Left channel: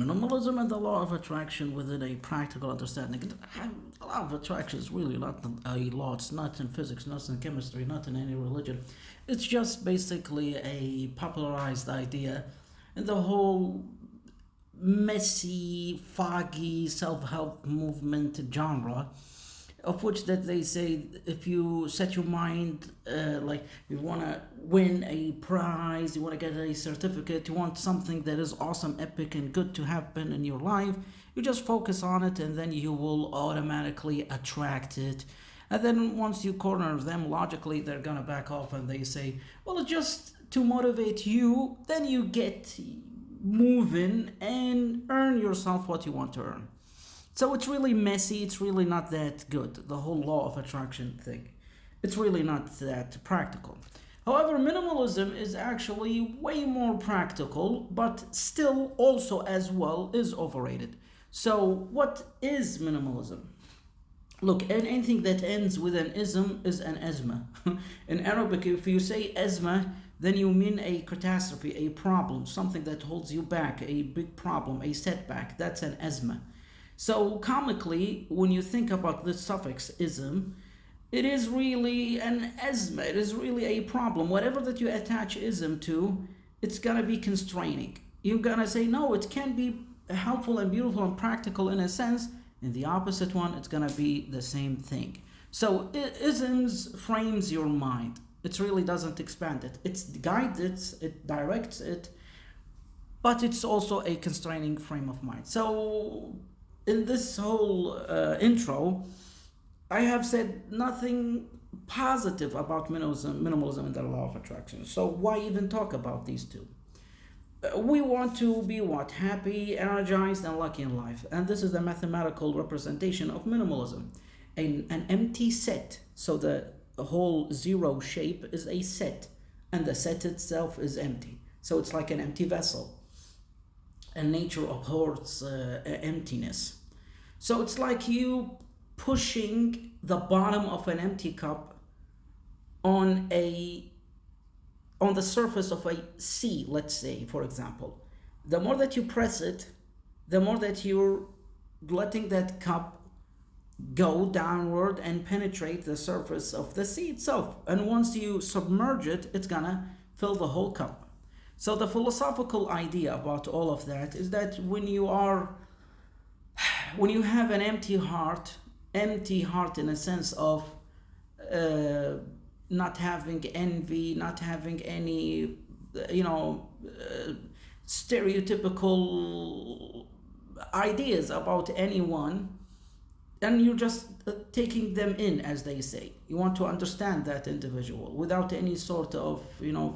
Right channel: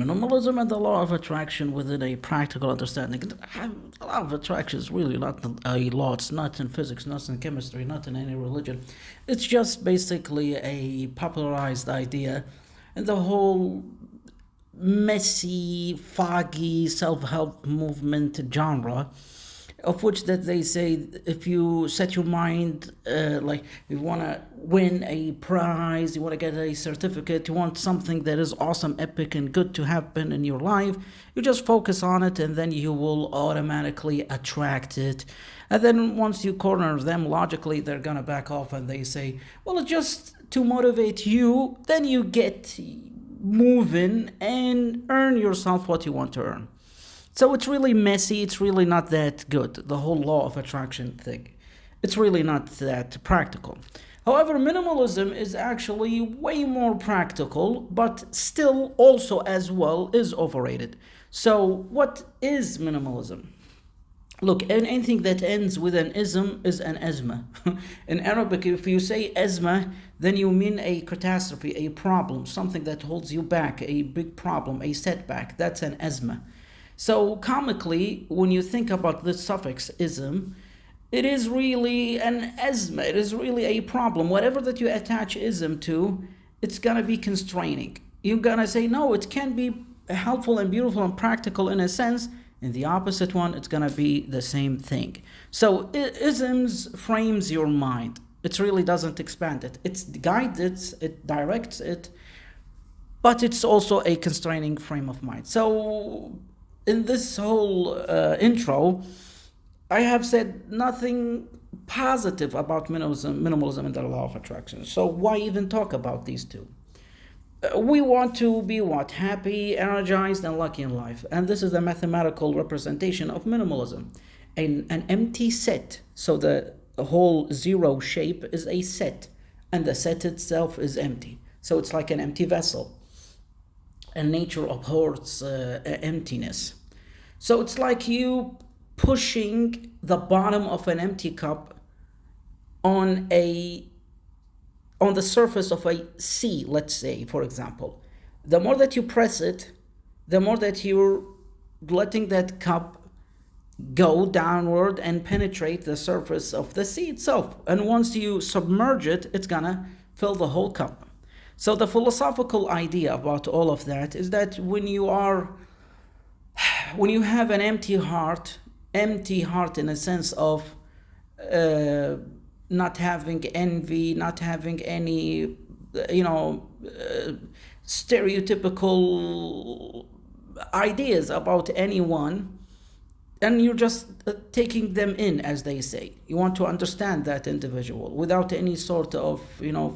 Minimalism and the law of attraction within a practical understanding. The law of attraction is really not a law. It's not in physics, not in chemistry, not in any religion. It's just basically a popularized idea in the whole messy, foggy self-help movement genre, of which that they say if you set your mind like you want to win a prize, you want to get a certificate, you want something that is awesome, epic, and good to happen in your life, you just focus on it and then you will automatically attract it. And then once you corner them logically, they're gonna back off and they say, well, just to motivate you, then you get moving and earn yourself what you want to earn. So it's really messy. It's really not that good. The whole law of attraction thing. It's really not that practical. However, minimalism is actually way more practical, but still also as well is overrated. So what is minimalism? Look, anything that ends with an ism is an asma. In Arabic, if you say asma, then you mean a catastrophe, a problem, something that holds you back, a big problem, a setback. That's an asma. So comically, when you think about this suffix ism, it is really an asma. It is really a problem. Whatever that you attach ism to, it's gonna be constraining. You're gonna say, no, it can be helpful and beautiful and practical in a sense. In the opposite one, it's gonna be the same thing. So isms frames your mind. It really doesn't expand it. It's guides it, it directs it, but it's also a constraining frame of mind. So in this whole intro, I have said nothing positive about minimalism and the law of attraction. So why even talk about these two? We want to be what? Happy, energized, and lucky in life. And this is the mathematical representation of minimalism. An empty set. So the whole zero shape is a set. And the set itself is empty. So it's like an empty vessel. And nature abhors emptiness. So it's like you pushing the bottom of an empty cup on the surface of a sea, let's say, for example. The more that you press it, the more that you're letting that cup go downward and penetrate the surface of the sea itself. And once you submerge it, it's gonna fill the whole cup. So the philosophical idea about all of that is that when you have an empty heart in a sense of not having envy, not having any, stereotypical ideas about anyone, and you're just taking them in, as they say. You want to understand that individual without any sort of,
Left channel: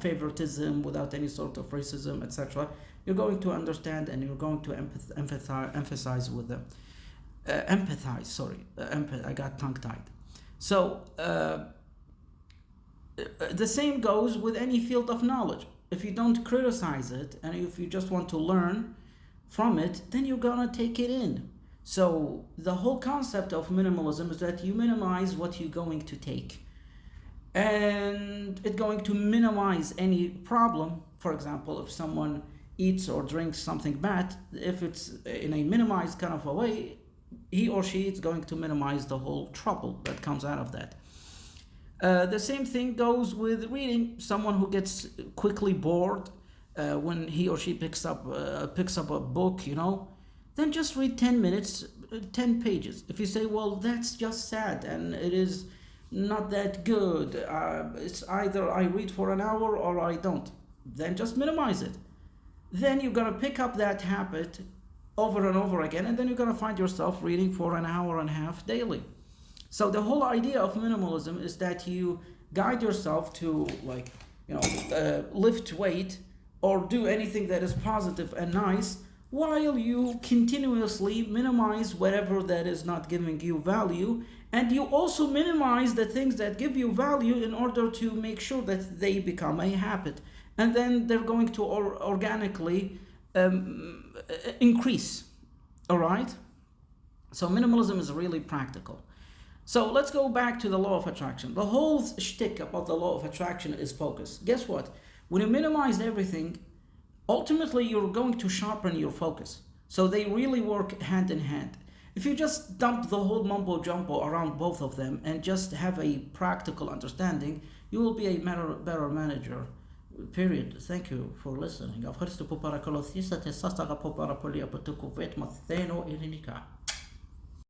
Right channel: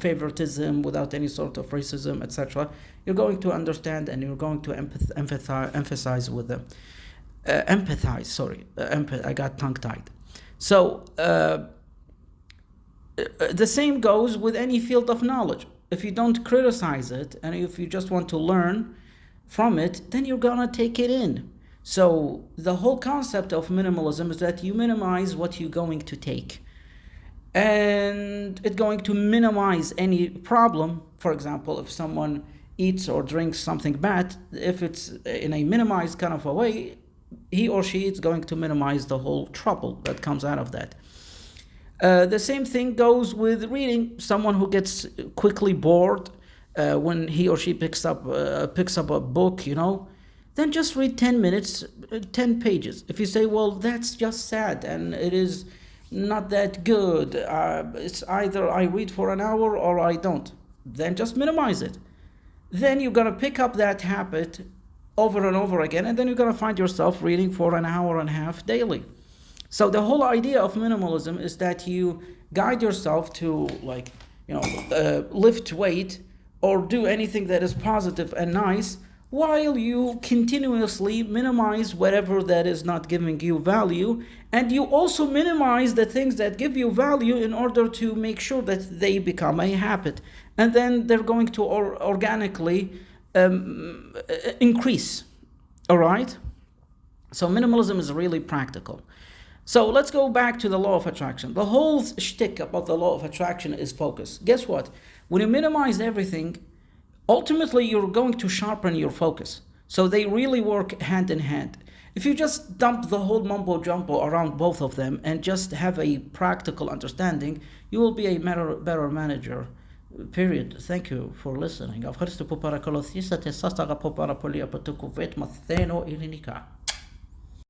favoritism, without any sort of racism, etc. You're going to understand and you're going to emphasize with them. I got tongue-tied. So, the same goes with any field of knowledge. If you don't criticize it and if you just want to learn from it, then you're gonna take it in. So the whole concept of minimalism is that you minimize what you're going to take. And it's going to minimize any problem. For example, if someone eats or drinks something bad, if it's in a minimized kind of a way, he or she is going to minimize the whole trouble that comes out of that. The same thing goes with reading. Someone who gets quickly bored when he or she picks up a book, then just read 10 minutes, 10 pages. If you say, well, that's just sad and it is not that good, it's either I read for an hour or I don't, then just minimize it. Then you're going to pick up that habit over and over again, and then you're going to find yourself reading for an hour and a half daily. So the whole idea of minimalism is that you guide yourself to lift weight or do anything that is positive and nice, while you continuously minimize whatever that is not giving you value, and you also minimize the things that give you value in order to make sure that they become a habit, and then they're going to organically increase. All right? So minimalism is really practical. So let's go back to the law of attraction. The whole shtick about the law of attraction is focus. Guess what? When you minimize everything, ultimately you're going to sharpen your focus. So they really work hand in hand. If you just dump the whole mumbo jumbo around both of them and just have a practical understanding, you will be a better manager. Period. Thank you for listening. Ευχαριστώ που παρακολουθήσατε. Σας αγαπώ πάρα πολύ από το κουβέντ μαθαίνω ελληνικά.